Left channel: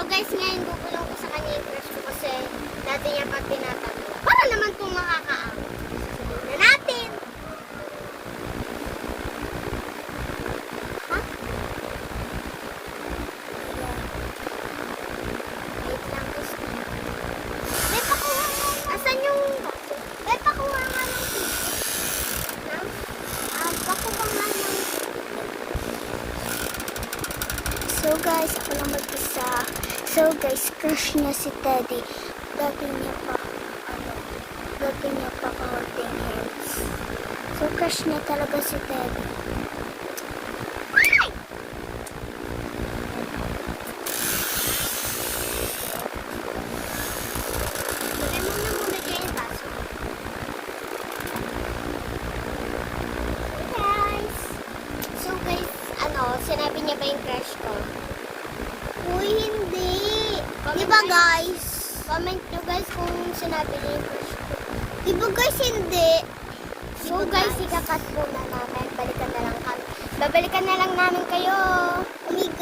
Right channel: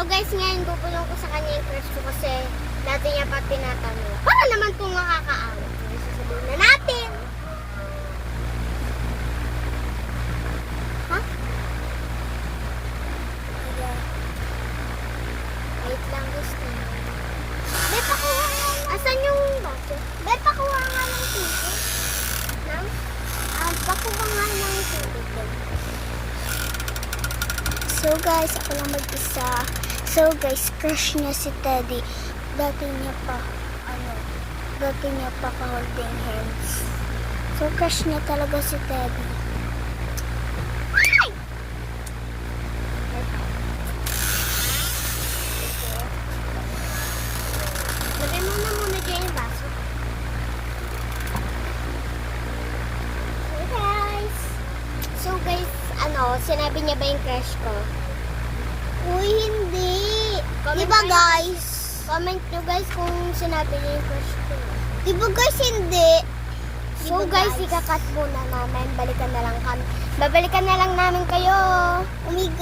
So guys, ngayon bubulong ko sa kanya yung crush ko kasi dati niya pa tinatanong. Para naman kung makakaawa. Sasabihin na natin. Ha? Wait lang gusto. May pakuha nga. Asan yung baso? May pakuha nga ng tubig. Pakuha nga ng tubig. So guys, ako lang mag-isa. So guys, crush niya si Teddy. Dati niya pa ka-holding hands. So crush niya talaga si Teddy. Lagay mo na muna dyan yung baso. Hey guys! So guys, sinabi niya ba yung crush ko? Uy, hindi. Diba guys? Comment nyo guys kung sinabi niya yung crush ko. Diba guys, hindi. So guys, ikakat muna namin. Babalikan na lang kayo. Amigo.